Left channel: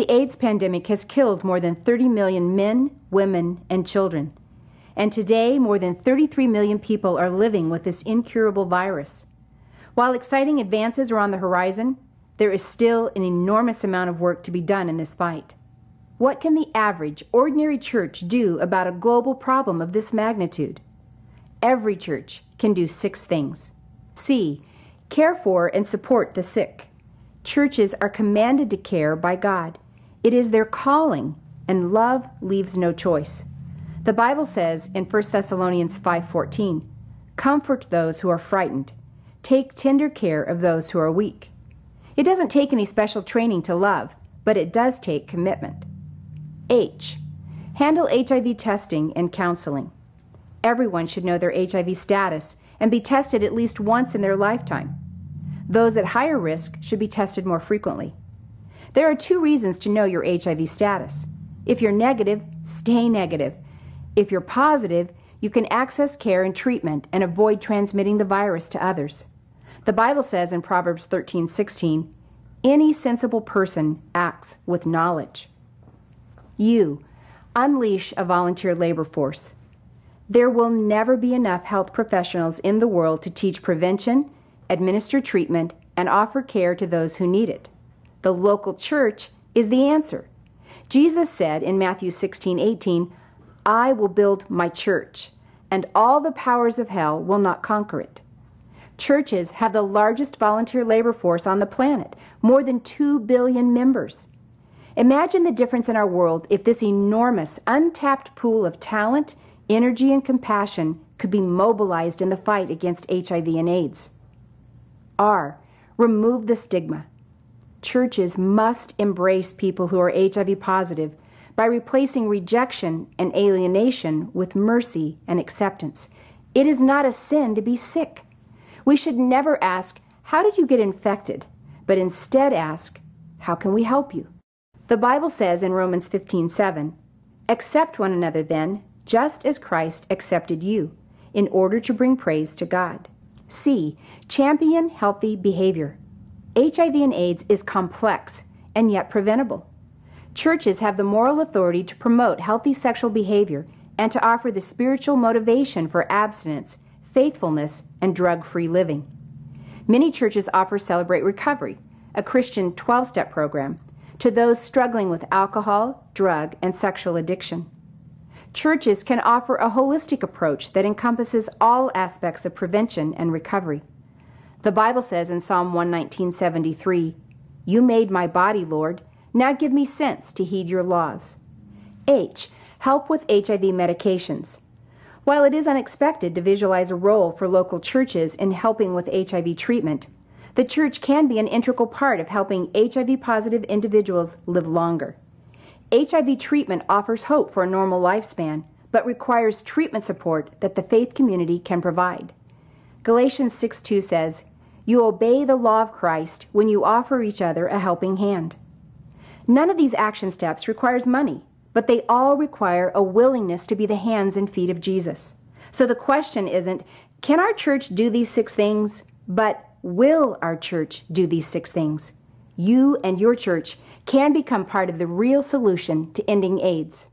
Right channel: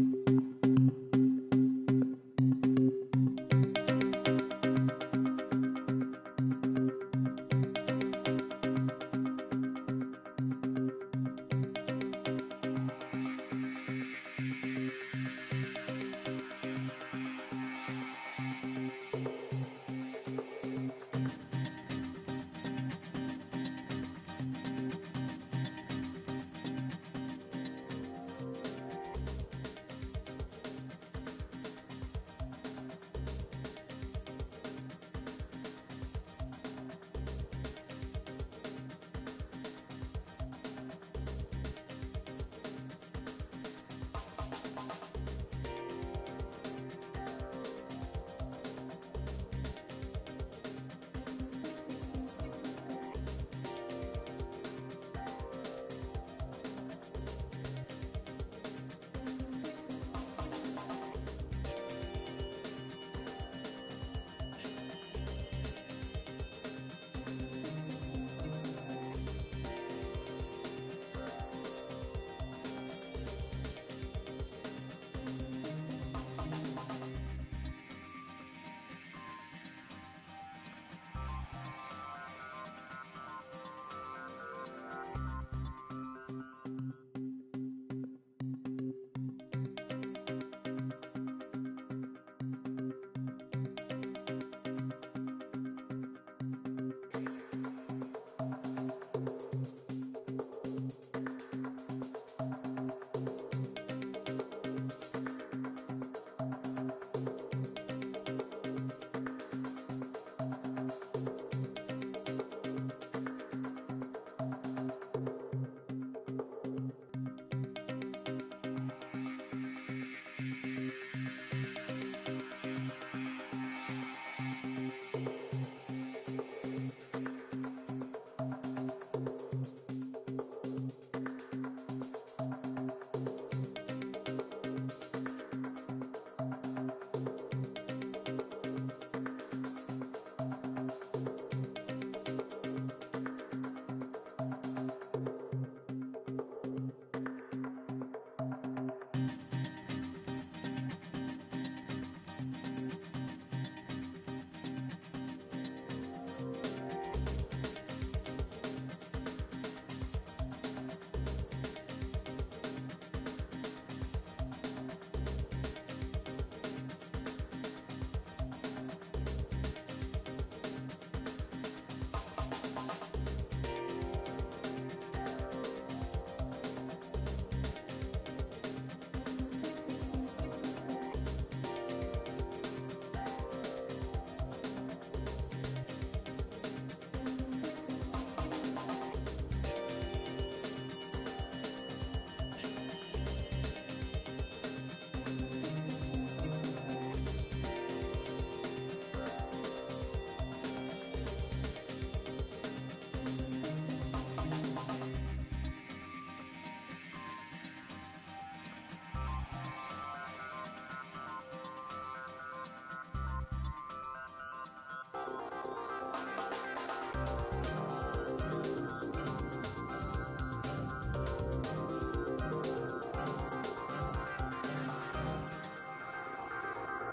The AIDS pandemic has killed more than 30 million men, women, and children. And today, more than 33 million people are living with this incurable virus. While exciting advances are on the horizon, there is still an enormous amount of work to be done in this fight. What can the average, ordinary church do about a global problem of this magnitude? Every church can do 6 things. C. Care for and support the sick. Churches are commanded to care by God. It is their calling, and love leaves no choice. The Bible says in 1 Thessalonians 5:14, "Comfort those who are frightened. Take tender care of those who are weak." It doesn't take any special training to love, but it does take commitment. H. Handle HIV testing and counseling. Everyone should know their HIV status and be tested at least once in their lifetime. Those at higher risk should be tested more frequently. There are 2 reasons to know your HIV status. If you're negative, stay negative. If you're positive, you can access care and treatment and avoid transmitting the virus to others. The Bible says in Proverbs 13:16, "Any sensible person acts with knowledge." U. Unleash a volunteer labor force. There will never be enough health professionals in the world to teach prevention, administer treatment, and offer care to those who need it. The local church is the answer. Jesus said in Matthew 16:18, "I will build my church, and all the powers of hell will not conquer it." Churches have the largest volunteer labor force on the planet, more than 2 billion members. Imagine the difference in our world if this enormous, untapped pool of talent, energy, and compassion could be mobilized in the fight against HIV and AIDS. R. Remove the stigma. Churches must embrace people who are HIV positive by replacing rejection and alienation with mercy and acceptance. It is not a sin to be sick. We should never ask, "How did you get infected?" but instead ask, "How can we help you?" The Bible says in Romans 15:7, "Accept one another then, just as Christ accepted you, in order to bring praise to God." C. Champion healthy behavior. HIV and AIDS is complex and yet preventable. Churches have the moral authority to promote healthy sexual behavior and to offer the spiritual motivation for abstinence, faithfulness, and drug-free living. Many churches offer Celebrate Recovery, a Christian 12-step program, to those struggling with alcohol, drug, and sexual addiction. Churches can offer a holistic approach that encompasses all aspects of prevention and recovery. The Bible says in Psalm 119:73, "You made my body, Lord. Now give me sense to heed your laws." H. Help with HIV medications. While it is unexpected to visualize a role for local churches in helping with HIV treatment, the church can be an integral part of helping HIV-positive individuals live longer. HIV treatment offers hope for a normal lifespan, but requires treatment support that the faith community can provide. Galatians 6:2 says, "You obey the law of Christ when you offer each other a helping hand." None of these action steps requires money, but they all require a willingness to be the hands and feet of Jesus. So the question isn't, can our church do these 6 things? But will our church do these 6 things? You and your church can become part of the real solution to ending AIDS.